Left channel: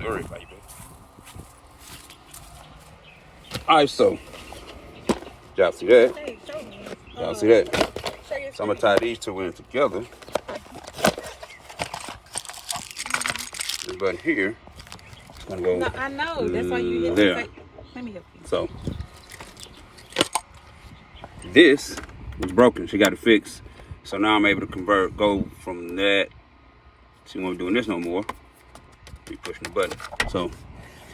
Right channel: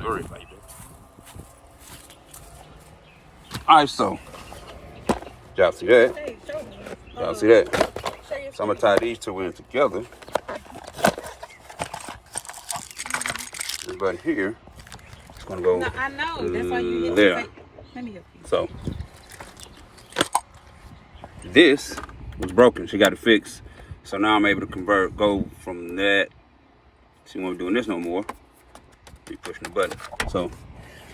Missouri, baby. Alright, so y'all see that? Y'all see that? So I'm gonna tie these two in together. But here, it's gonna go. No, I know. That's why you there. Let me help you. So this was broken. She got it fixed. So now I'm able to go from that. She won't be doing this no more. Be pushing the button. So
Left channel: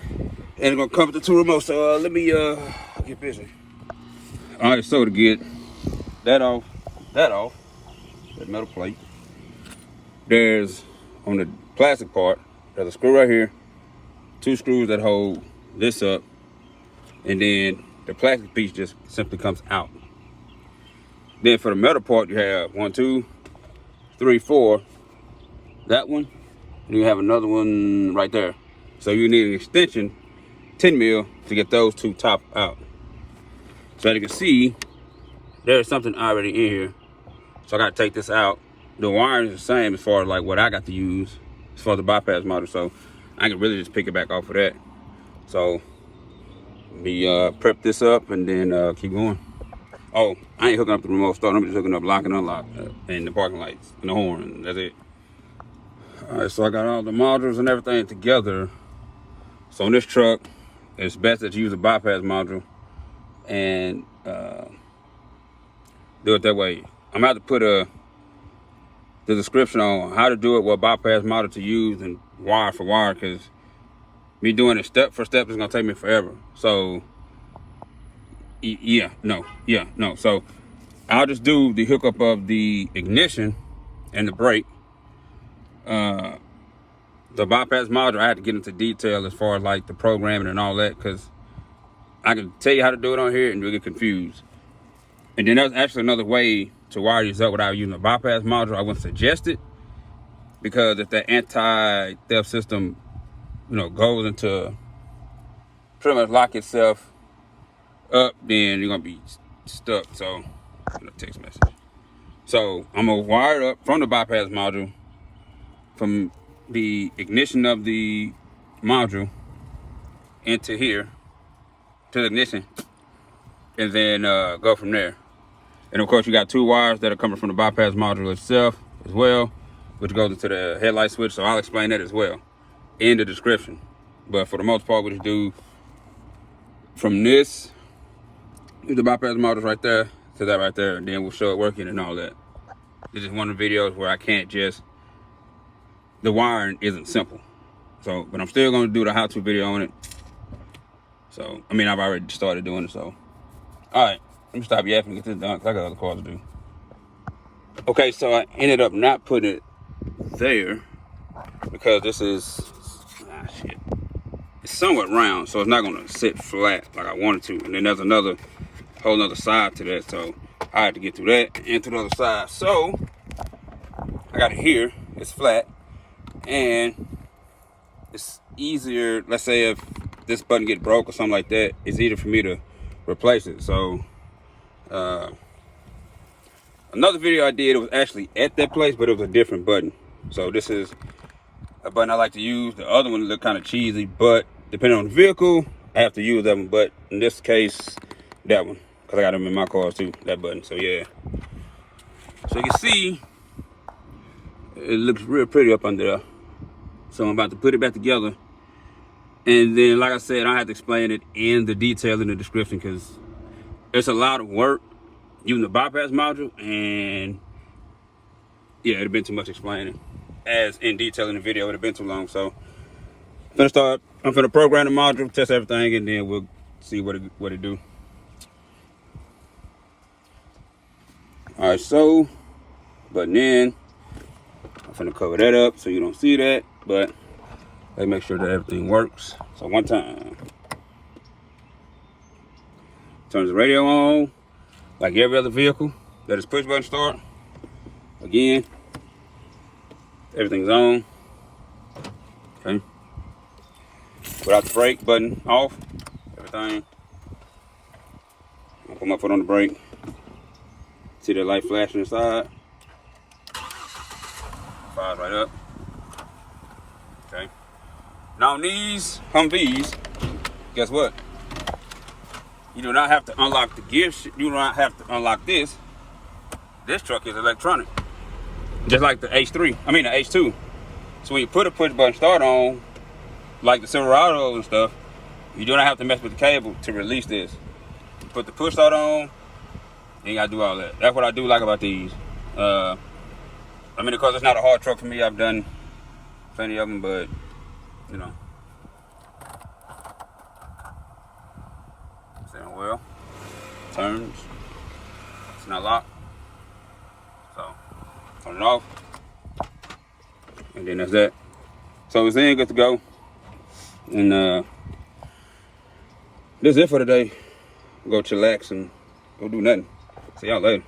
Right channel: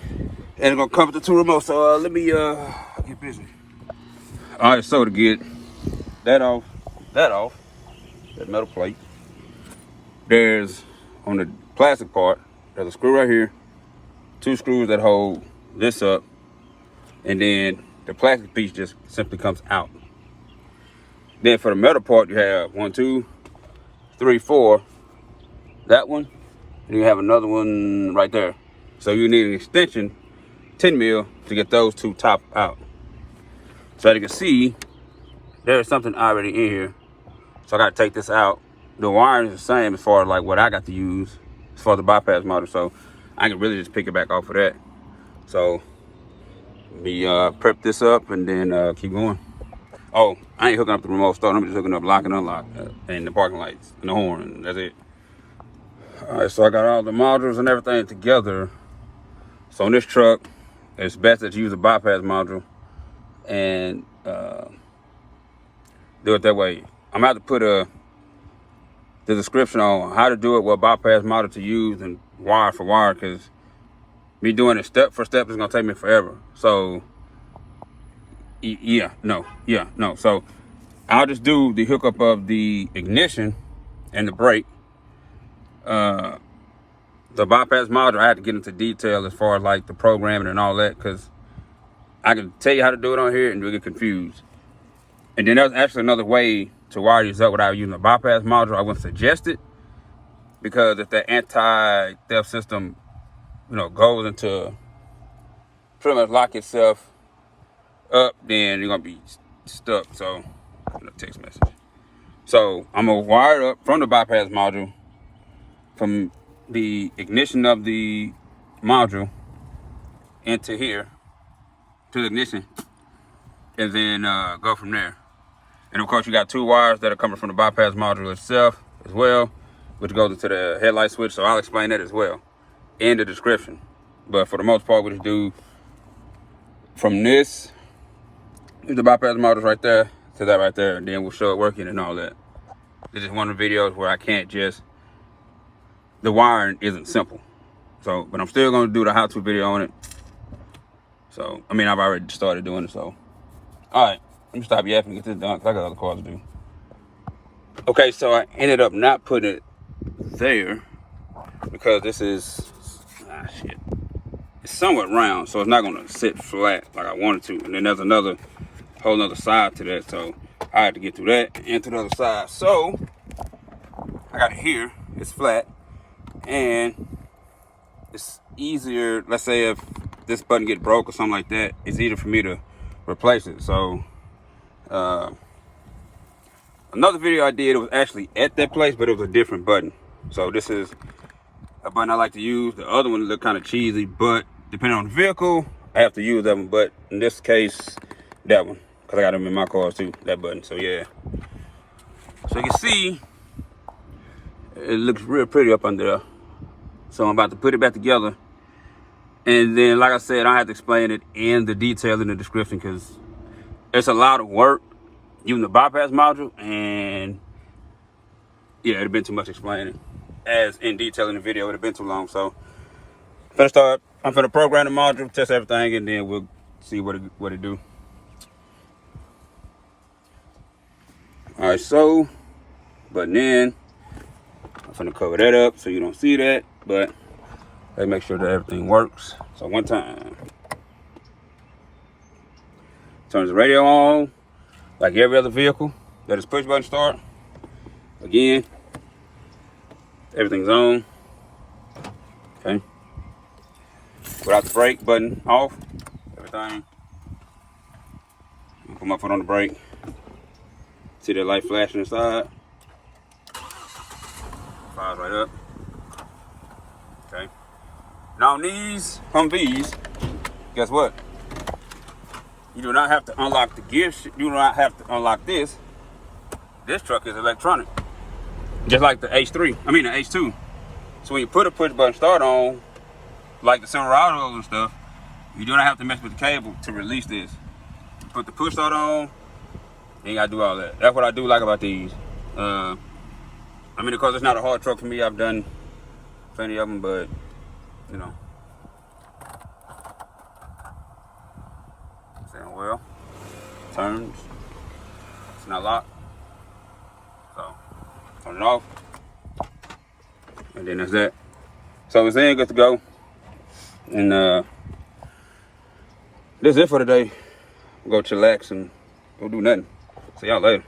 and it's gonna come with the two remotes. So let me get busy. All right. So to get that off, that metal plate. There's on the plastic part. There's a screw right here. 2 screws that hold this up, and then the plastic piece just simply comes out. Then for the metal part, you have 1, 2, 3, 4. That one, and you have another one right there. So you need an extension, 10 mil, to get those 2 top out. So as you can see, there's something already in here. So I got to take this out. The wiring is the same as far as like what I got to use as far as the bypass module. So I can really just pick it back off of that. So we prep this up and then keep going. Oh, I ain't hooking up the remote start. I'm just hooking up lock and unlock and the parking lights and the horn. And that's it. All right, so I got all the modules and everything together. So on this truck, it's best that you use a bypass module and do it that way. I'm gonna have to put the description on how to do it, what bypass module to use, and wire for wire, because me doing it step for step is gonna take me forever. So no. So I'll just do the hookup of the ignition and the brake. The bypass module, I had to get into detail as far as like the programming and all that, because I can tell you how to do it on here and you'll get confused. And then there's actually another way to wire these up without using a bypass module. I wouldn't suggest it, because if the anti-theft system, goes into pretty much lock itself up, then you're gonna be stuck. So, text message. So I'm gonna wire it up from the bypass module, from the ignition of the module into here to the ignition, and then go from there. And of course, you got 2 wires that are coming from the bypass module itself as well, which goes into the headlight switch. So I'll explain that as well in the description. But for the most part, we just do from this, the bypass module right there to that right there, and then we'll show it working and all that. This is one of the videos where I can't just, the wiring isn't simple. So, but I'm still gonna do the how-to video on it. So, I mean, I've already started doing it, so. All right, let me stop yapping and get this done, because I got other cars to do. Okay, so I ended up not putting it there, because this is, shit. It's somewhat round, so it's not gonna sit flat like I wanted to. And then there's whole other side to that, so I had to get through that and to the other side. So I got it here, it's flat, and it's easier. Let's say if this button get broke or something like that, it's easier for me to replace it. So another video I did, it was actually at that place, but it was a different button. So this is a button I like to use. The other one looked kind of cheesy, but depending on the vehicle, I have to use that one. But in this case, that one, because I got them in my cars too, that button. So yeah. So you can see, it looks real pretty up under there. So I'm about to put it back together. And then, like I said, I have to explain it in the detail in the description, because it's a lot of work using the bypass module. And yeah, it'd have been too much explaining. As in detail in the video, it would have been too long. So I'm gonna program the module, test everything, and then we'll see what it do. All right, so button in. I'm gonna cover that up so you don't see that, but let's make sure that everything works. So one time, turns the radio on like every other vehicle that is push button start. Again, everything's on. Okay. Without the brake button off, everything. I'll put my foot on the brake. See that light flashing inside? Fires right up. Okay. Now on these Humvees, guess what? You do not have to unlock the gear. You do not have to unlock this. This truck is electronic, just like the H3. I mean the H2. So when you put a push button start on, like the Silverados and stuff, you do not have to mess with the cable to release this. You put the push start on, then you gotta do all that. That's what I do like about these. I mean, because it's not a hard truck for me. I've done plenty of them, but you know. Steering wheel turns. It's not locked. So turn it off, and then that's that. So it's in, good to go. And that's it for today. Go chillax and go do nothing. See y'all later.